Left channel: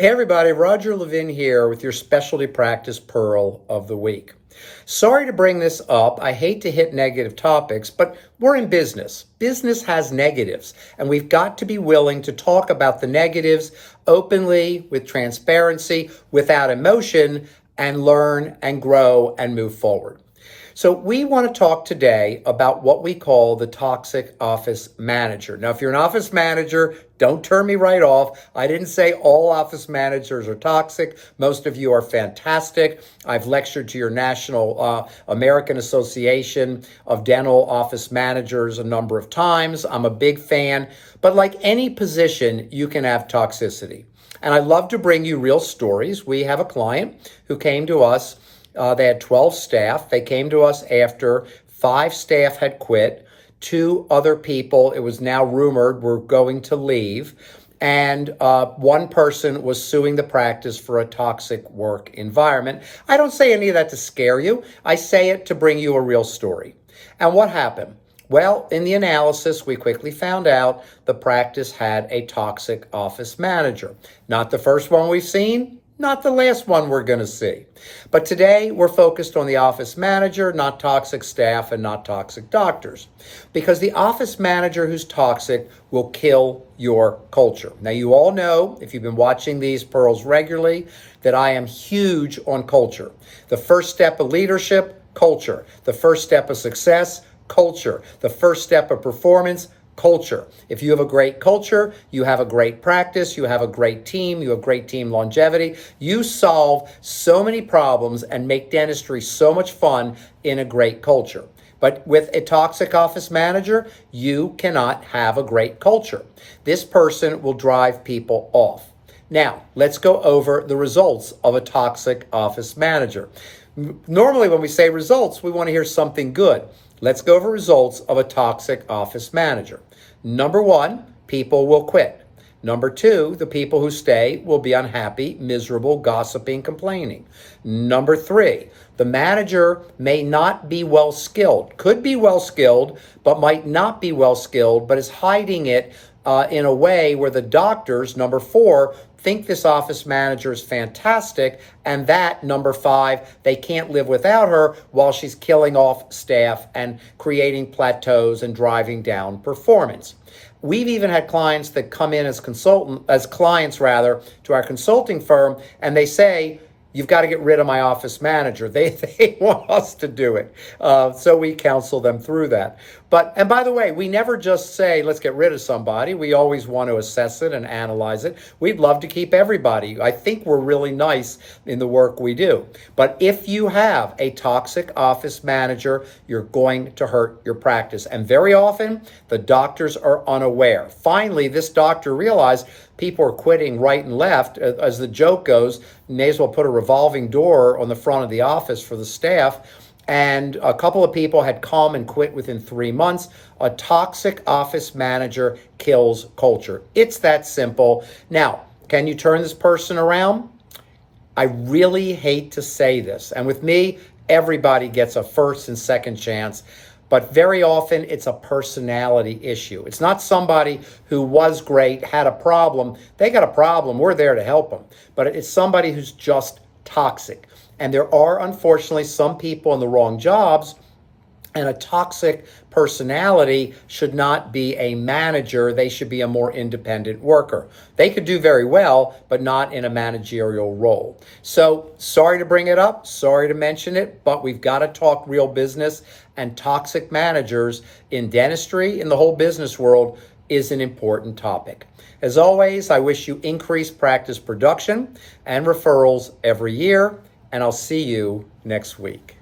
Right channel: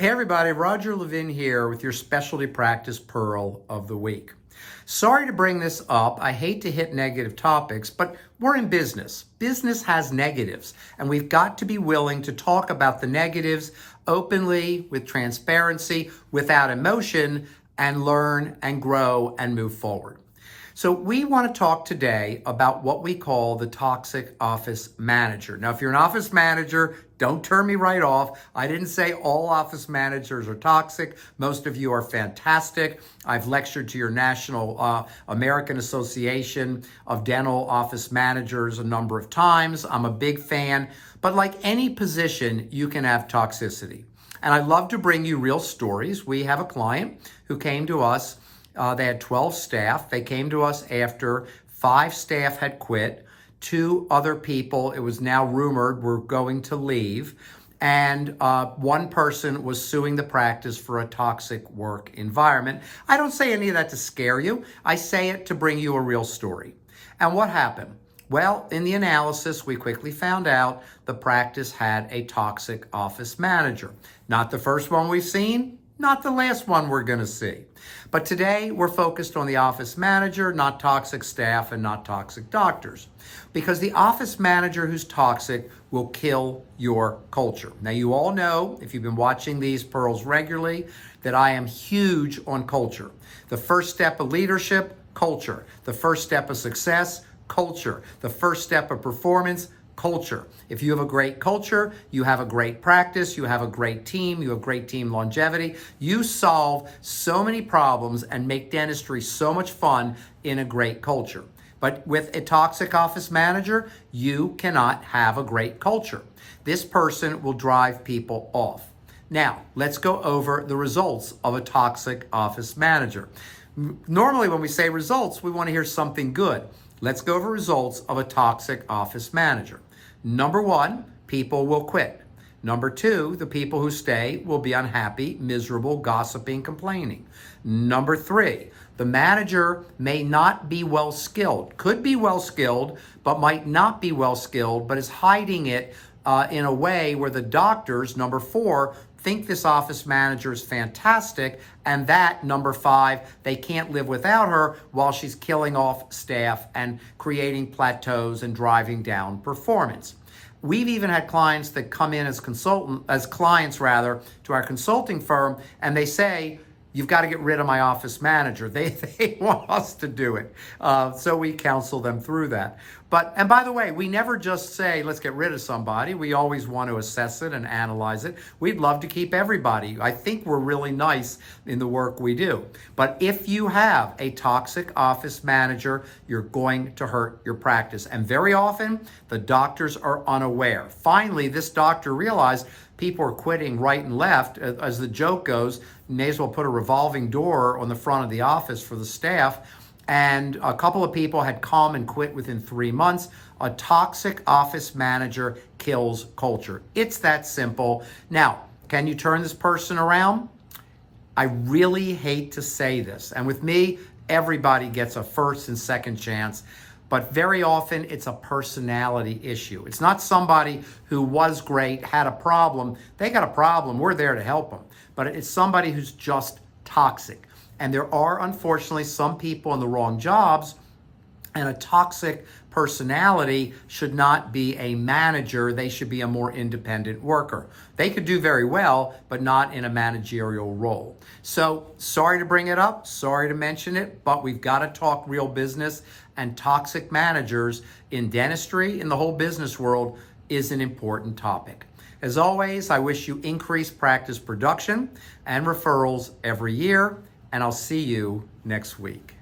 Hey everybody, Roger Levin here with your specialty practice pearl of the week. Sorry to bring this up. I hate to hit negative topics, but we're in business. Business has negatives, and we've got to be willing to talk about the negatives openly, with transparency, without emotion, and learn and grow and move forward. So we want to talk today about what we call the toxic office manager. Now, if you're an office manager, don't turn me right off. I didn't say all office managers are toxic. Most of you are fantastic. I've lectured to your National American Association of Dental Office Managers a number of times. I'm a big fan. But like any position, you can have toxicity. And I love to bring you real stories. We have a client who came to us. They had 12 staff. They came to us after 5 staff had quit. 2 other people, it was now rumored, were going to leave. And 1 person was suing the practice for a toxic work environment. I don't say any of that to scare you. I say it to bring you a real story. And what happened? Well, in the analysis, we quickly found out the practice had a toxic office manager. Not the first one we've seen. Not the last one we're going to see. But today we're focused on the office manager, not toxic staff and not toxic doctors. Because the office manager who's toxic will kill your culture. Now, you all know, if you've been watching these pearls regularly, that I am huge on culture. The first step of leadership, culture. The first step of success, culture. The first step of performance, culture. If you have a great culture, you have a great practice, you have a great team, you have great team longevity. You solve so many problems and make dentistry so much fun in a great culture. But with a toxic office manager, you cannot have a great culture. This person will drive people off. Now, let's go over the results of a toxic office manager. Normally, when we say results, we want to hear something good. Let's go over results of a toxic office manager. Number 1, people will quit. Number 2, the people who stay will be unhappy, miserable, gossiping, complaining. Number 3, the manager may not be well skilled, could be well skilled, but might not be well skilled, but is hiding it in a way where the doctors, number 4, think this office manager is fantastic, and that, number 5, they can't live without her while she's killing off staff and creating plateaus and driving down performance. We've even had clients that come in as clients to our consulting firm, and they say, you've got to get rid of my office manager. They want us to do it. So we counsel them through that. And by the way, we never just say, let's get rid of somebody. We always want to assess it and analyze it. We'd love to keep everybody. I think we're really nice in the work we do. But if you have a toxic office manager, you're going to hurt your practice. And very often, the doctors are unaware. Finally, this doctor realized people are quitting right and left. As the joke goes, may as well put a revolving door on the front of the office for the staff. And a couple of people had come and quit within 3 months. A toxic office manager kills culture. It's that simple. Now, can you turn this person around? I really hate to say this. And with me, everybody gets a first and second chance. But very often it's a personality issue. It's not somebody who was great, had a problem. They got a problem. We're there to help them. But it's somebody who's just toxic. And there are, unfortunately, some people in the wrong jobs, and a toxic personality should not be a manager. They should be a more independent worker. They could do very well, but not in a managerial role. So sorry to bring it up, sorry to mention it, but we've got to talk real business, and toxic managers in dentistry, in the whole business world, is an important topic. As always, I wish you increased practice production and referrals every year, and I'll see you next week.